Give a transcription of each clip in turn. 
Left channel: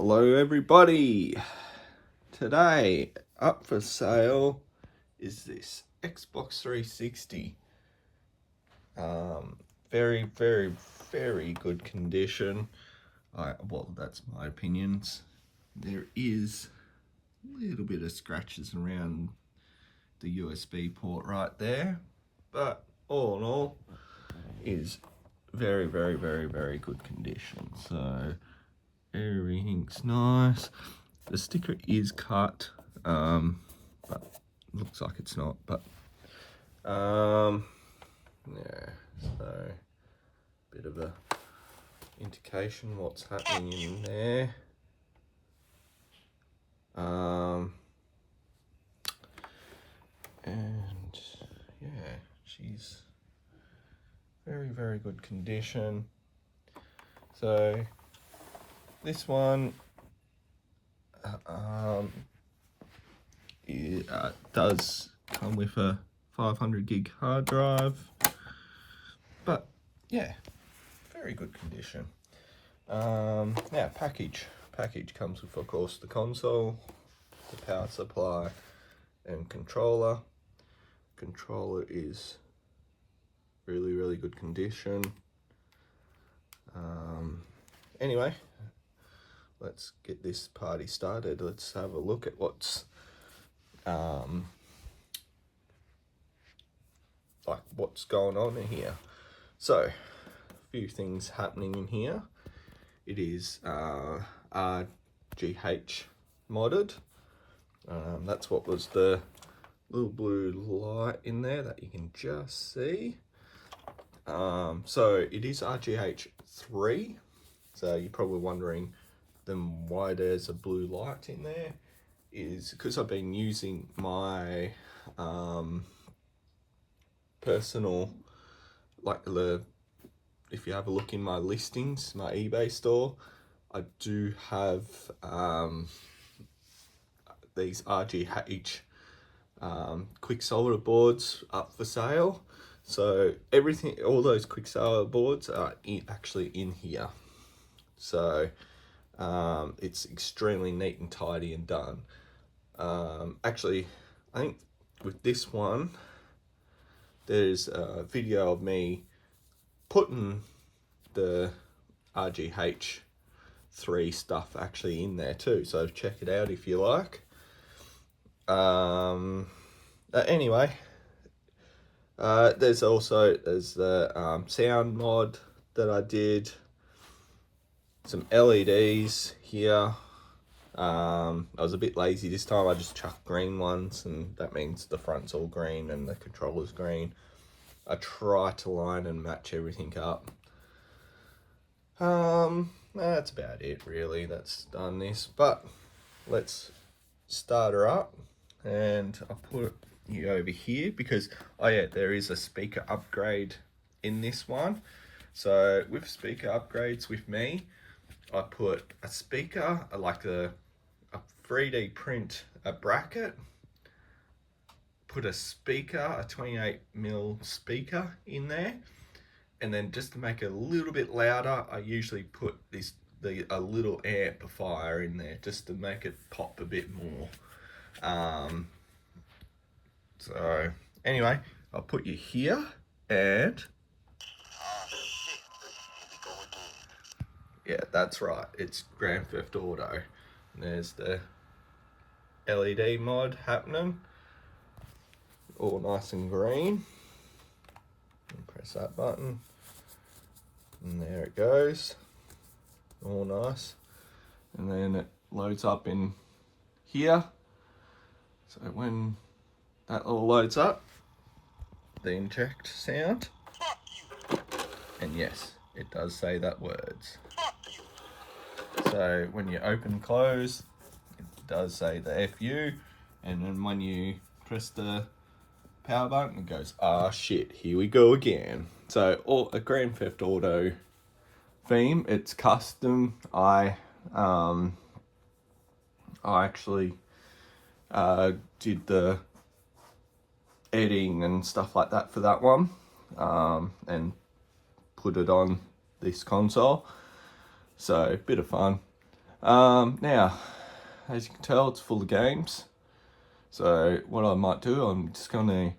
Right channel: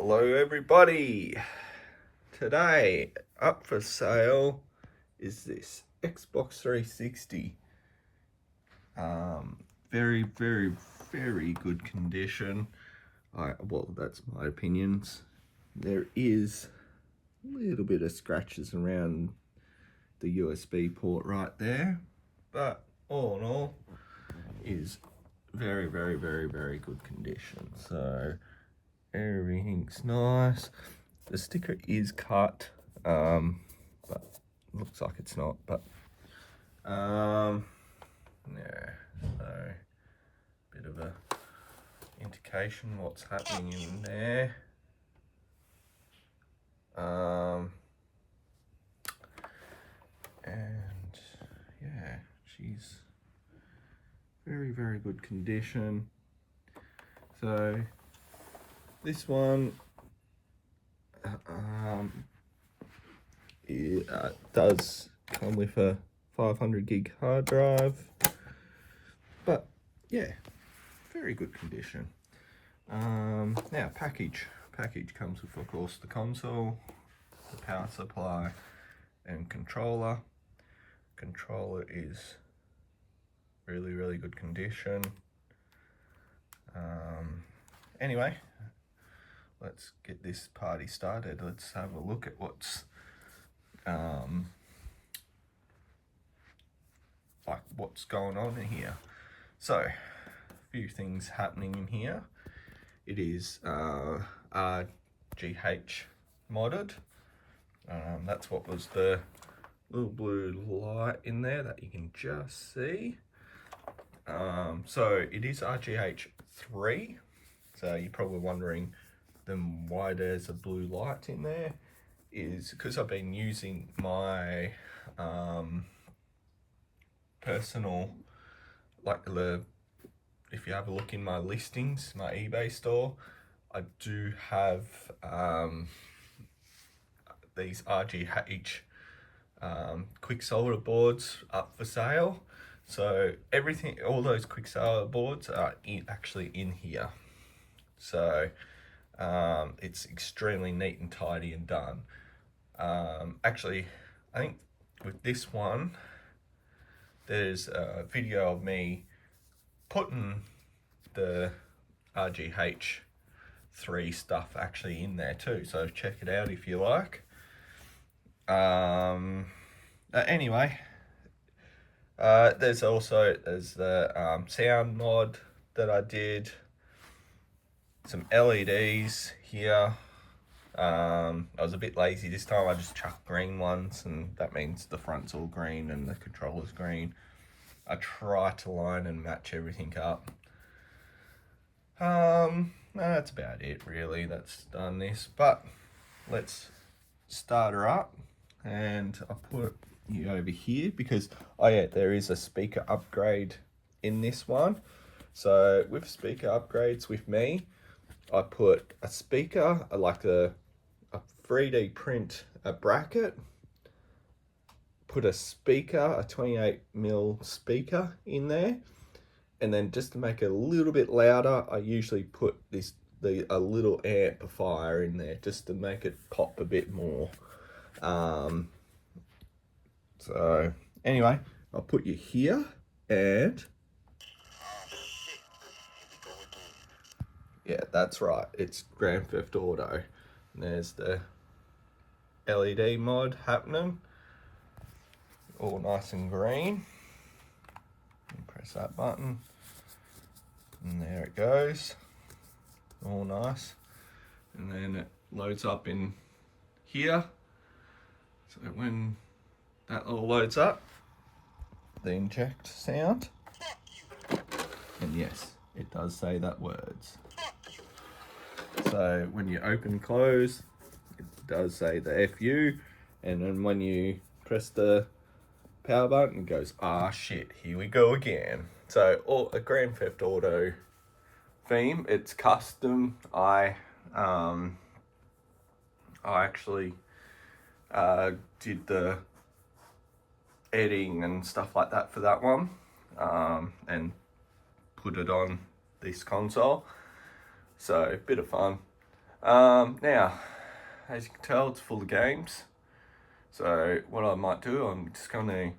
Hello everybody! Today up for sale is this Xbox 360. Very, very, very good condition. Well, that's my opinions. There is a little bit of scratches around the USB port right there, but all in all, is very, very, very, very good condition. So everything's nice. The sticker is cut, but looks like it's not. But yeah, so bit of a indication what's happening in there. And yeah, she's very, very good condition. So this one it does come with a 500 gig hard drive, but yeah, very good condition. Now package comes with, of course, the console, the power supply and controller. Controller is really, really good condition. Anyway, let's get this party started. Let's have a look at what's what's going on in here. So, a few things happening in here. It is RGH modded. That's what was the little blue light in there that you can just see. So it is RGH 3. So you're probably wondering then why there's a blue light in there. Is because I've been using my personal, if you have a look in my listings, my eBay store, I do have these RGH quick solder boards up for sale. So all those quick solder boards are actually in here. So it's extremely neat and tidy and done. Actually, I think with this one, there's a video of me putting the RGH 3 stuff actually in there too. So check it out if you like. Anyway, there's the sound mod that I did. Some LEDs here. I was a bit lazy this time. I just chucked green ones, and that means the front's all green and the controller's green. I try to line and match everything up. That's about it really. That's done this, but let's start her up, and I put you over here because there is a speaker upgrade in this one. So with speaker upgrades with me, I put a speaker, like a 3D print a bracket, put a speaker, a 28mm speaker in there, and then just to make it a little bit louder, I usually put a little amplifier in there just to make it pop a bit more. So anyway, I'll put you here, and yeah, that's right, it's Grand Theft Auto. And there's the LED mod happening, all nice and green. Press that button, and there it goes, all nice. And then it loads up in here. So when that all loads up, the inject sound, and yes, it does say that words. So when you open close, it does say the FU, and then when you press the power button, it goes, ah shit, here we go again. So a Grand Theft Auto theme, it's custom. I actually did the editing and stuff like that for that one, and put it on this console. So a bit of fun. Now, as you can tell, it's full of games. So what I might do, I'm just going to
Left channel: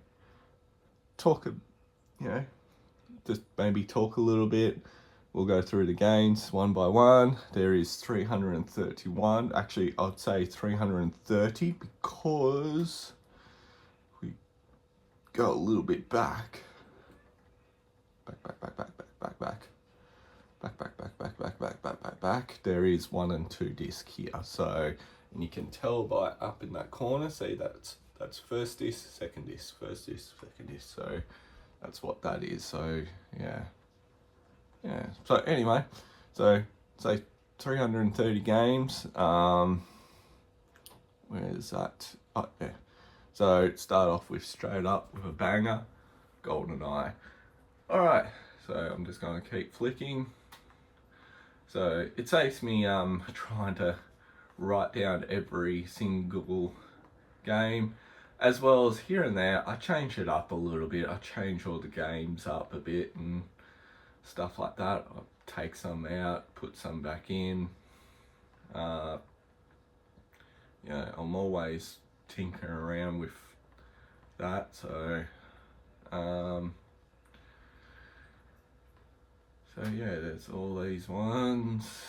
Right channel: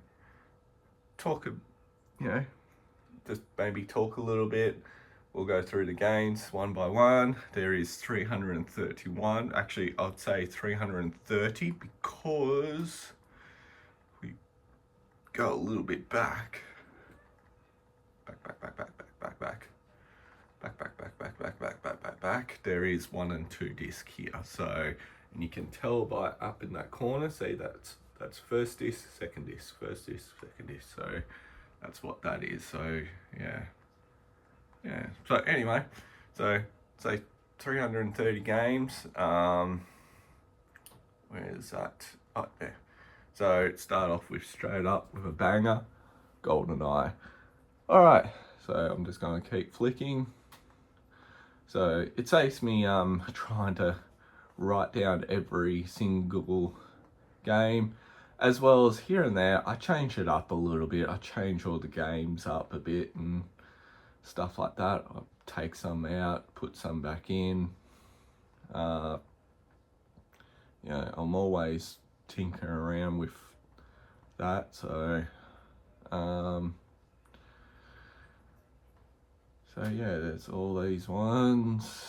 talk, just maybe talk a little bit. We'll go through the games one by one. There is 331. Actually, I'd say 330 because we go a little bit back. Back. There is 1 and 2 disc here. So, and you can tell by up in that corner, see that's first disc, second disc, first disc, second disc. So that's what that is. So yeah. So anyway, so say 330 games. Where's that? Oh yeah. So start off with straight up with a banger, GoldenEye. All right. So I'm just going to keep flicking. So it takes me trying to write down every single game, as well as here and there I change it up a little bit. I change all the games up a bit and stuff like that. I take some out, put some back in. I'm always tinkering around with that. So so yeah, there's all these ones.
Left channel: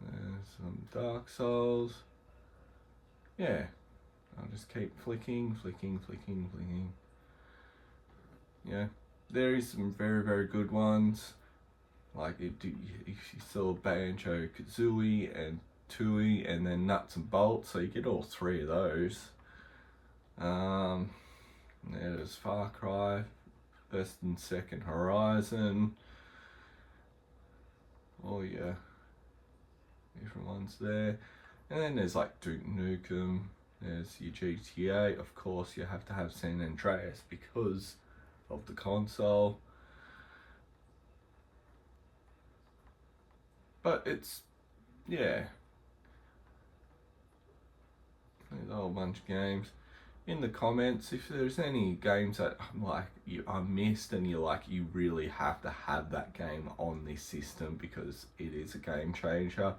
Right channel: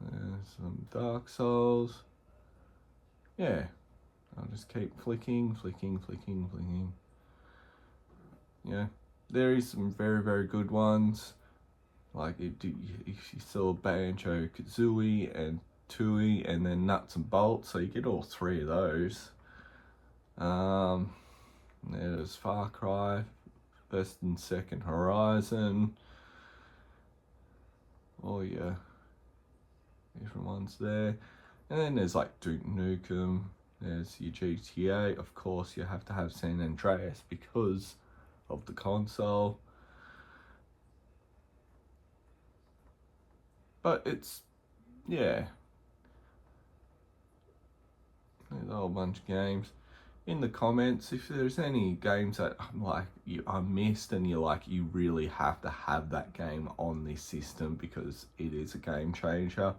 There's some Dark Souls. Yeah, I'll just keep flicking. Yeah, there is some very, very good ones. Like if you saw Banjo-Kazooie and Tooie and then Nuts and Bolts, so you get all 3 of those. There's Far Cry, First and Second Horizon. All your different ones there. And then there's like Duke Nukem, there's your GTA. Of course, you have to have San Andreas because of the console. But it's, yeah, there's a whole bunch of games. In the comments, if there's any games that I missed and you really have to have that game on this system because it is a game changer,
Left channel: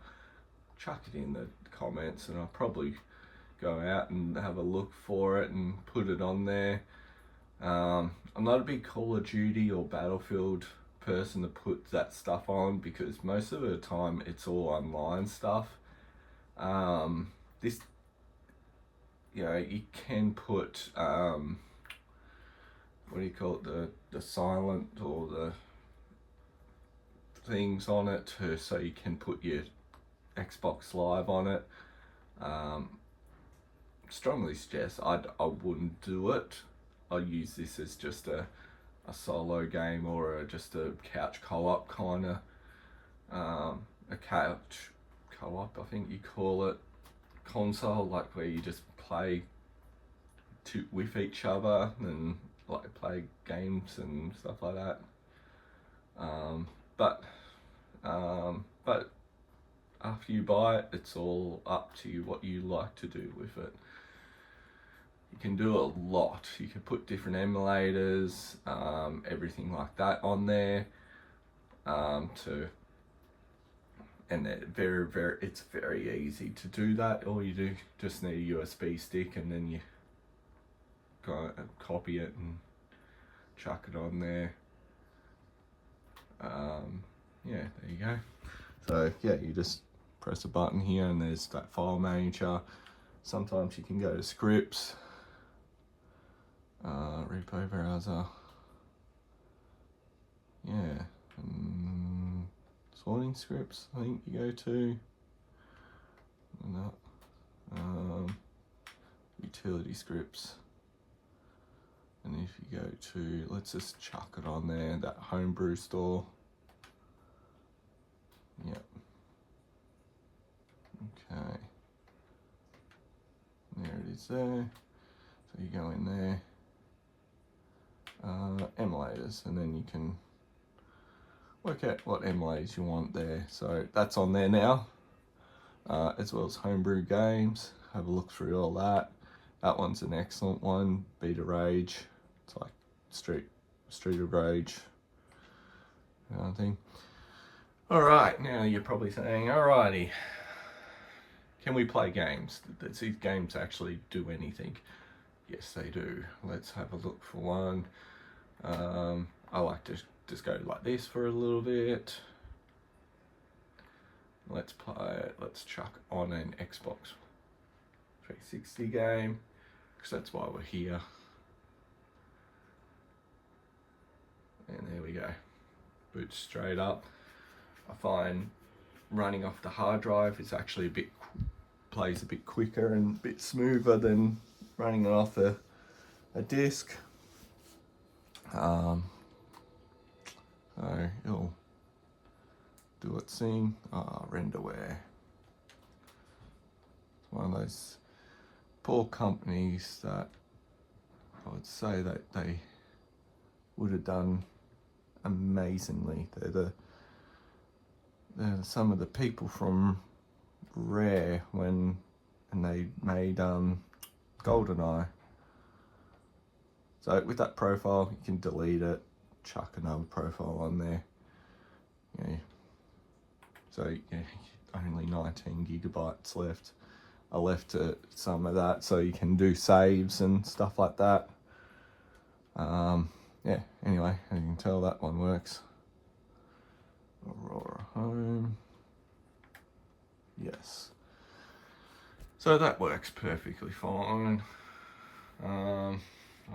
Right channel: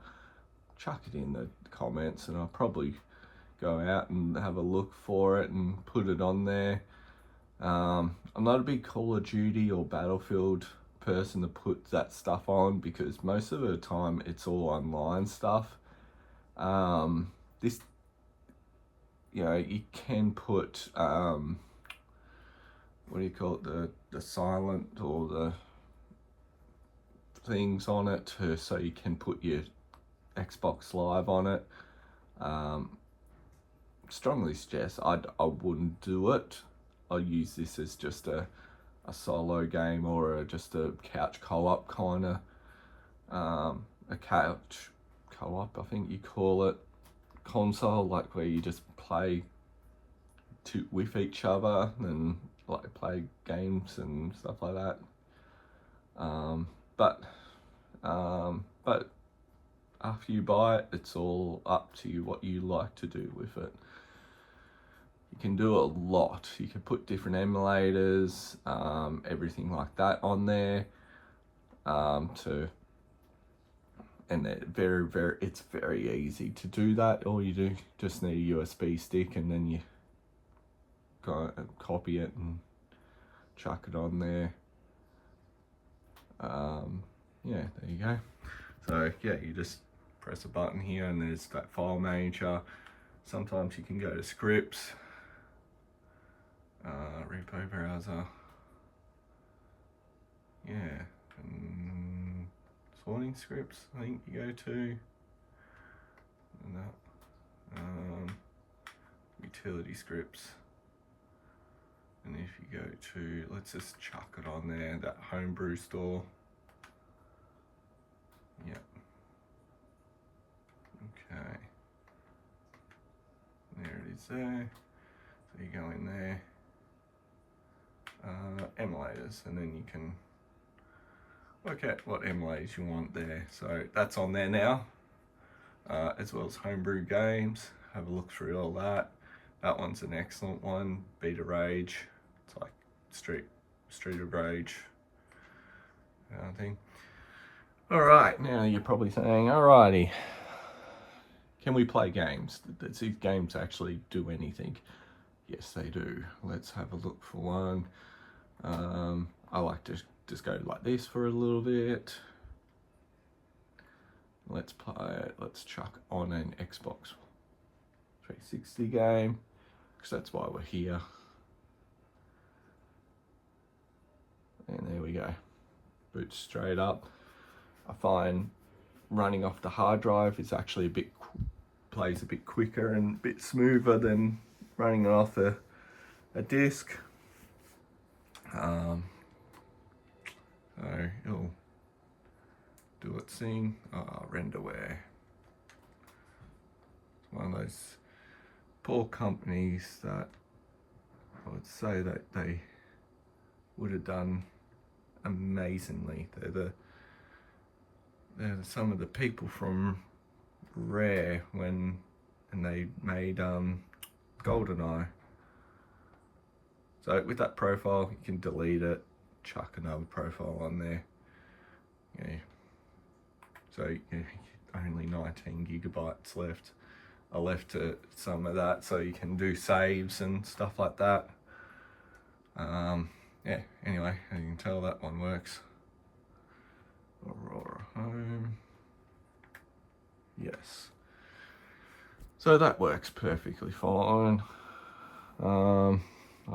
chuck it in the comments and I'll probably go out and have a look for it and put it on there. I'm not a big Call of Duty or Battlefield person to put that stuff on because most of the time it's all online stuff. This, you can put what do you call it, the silent or the things on it so you can put your Xbox Live on it. Strongly suggest I wouldn't do it. I'll use this as just a solo game or just a couch co-op kind of, a couch co-op I think you call it, console, like where you just play with each other and like play games and stuff like that. But after you buy it, it's all up to you what you like to do with it. You can do a lot. You can put different emulators, everything like that on there, and it's very easy to do that. All you do just need a USB stick and then you go and copy it and chuck it on there. Yeah, there you go. So yeah, you just press a button here and there's that file manager. Sometimes you can go to scripts, repo browser, yeah, and sorting scripts I think you go to, utility scripts, and if you go to, let's just chuck it on there, that homebrew store. Yep. Okay. There it is there. So you go in there, emulators, and then you can work out what emulators you want there. So that's on there now, as well as homebrew games. Have a look through all that. That one's an excellent one. Beta Rage. It's like Street of Rage kind of thing. All right, now you're probably saying, alrighty, can we play games? Does these games actually do anything? Yes, they do. Let's have a look for one. I like to just go like this for a little bit. Let's play it. Let's chuck on an Xbox 360 game, because that's why we're here. And there we go. Boots straight up. I find running off the hard drive is actually plays a bit quicker and a bit smoother than running it off a disc. So it'll do its thing. Renderware. One of those poor companies that I would say that they would have done amazingly. They're some of the people from Rare and they made GoldenEye. So with that profile, you can delete it, chuck another profile on there. Yeah. So yeah, only 19 gigabytes left. I left some of that so you can do saves and stuff like that. Yeah, anyway, as you can tell, that one works. Aurora Home. Yes. So that works perfectly fine. I'll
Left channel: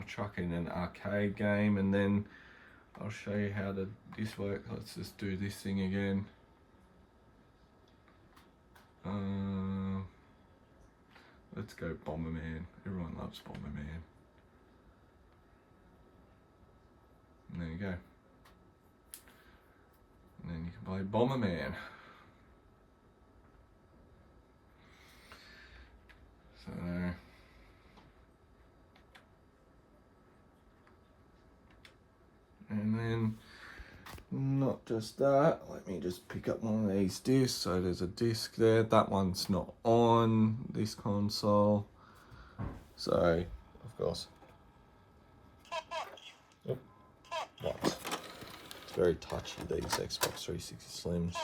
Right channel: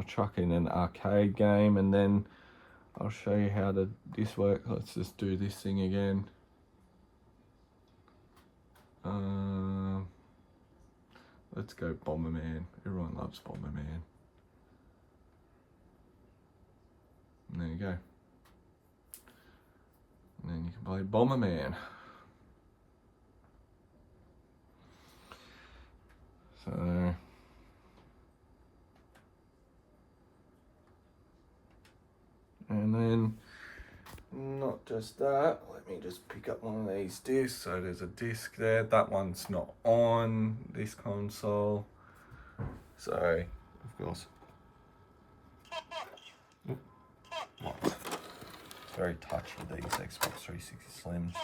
chuck in an arcade game and then I'll show you how this works. Let's just do this thing again. Let's go Bomberman. Everyone loves Bomberman. And there you go. And then you can play Bomberman. So and then not just that, let me just pick up one of these discs. So there's a disc there, that one's not on this console, so of course what? It's very touchy, these Xbox 360 Slims.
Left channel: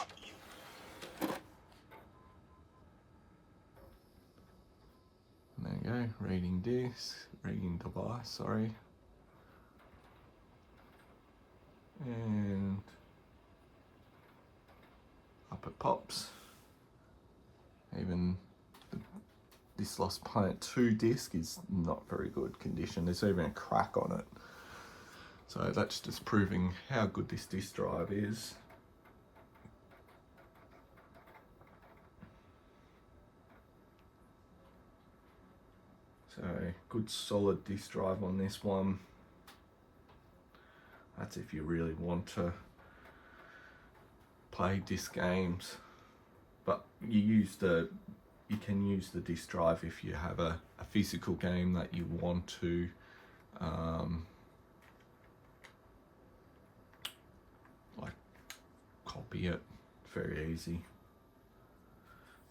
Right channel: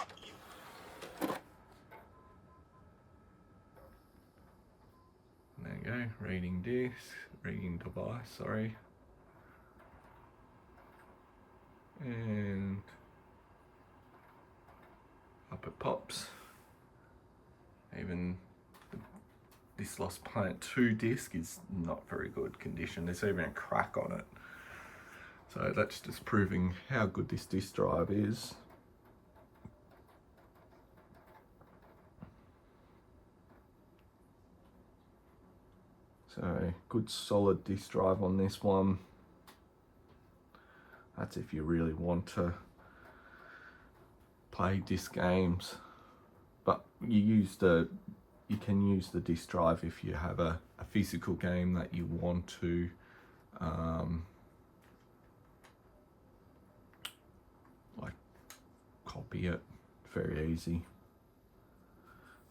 There you go, reading disc, reading device, sorry. And up it pops. Even this Lost Planet 2 disc is not very good condition. There's even a crack on it. So that's just proving how good this disc drive is. So good solid disc drive on this one. That's if you really want to play disc games, but you can use the disc drive if you have a physical game that you want to like copy it. Very easy.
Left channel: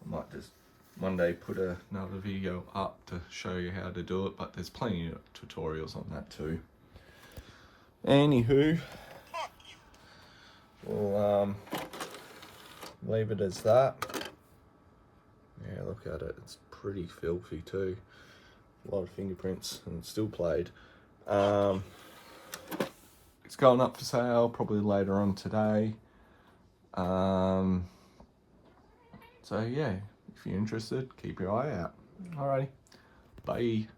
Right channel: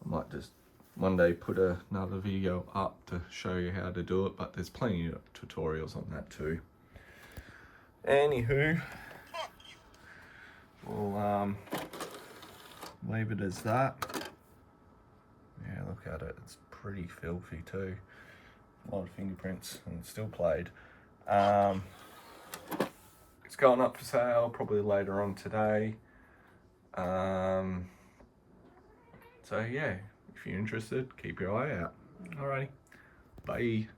I might just one day put another video up to show you how to do it, but there's plenty of tutorials on that too. Anywho, we'll leave it as that. Yeah, look at it, it's pretty filthy too. A lot of fingerprints and still played. It's going up for sale probably later on today. So yeah, if you're interested, keep your eye out. Alrighty, bye.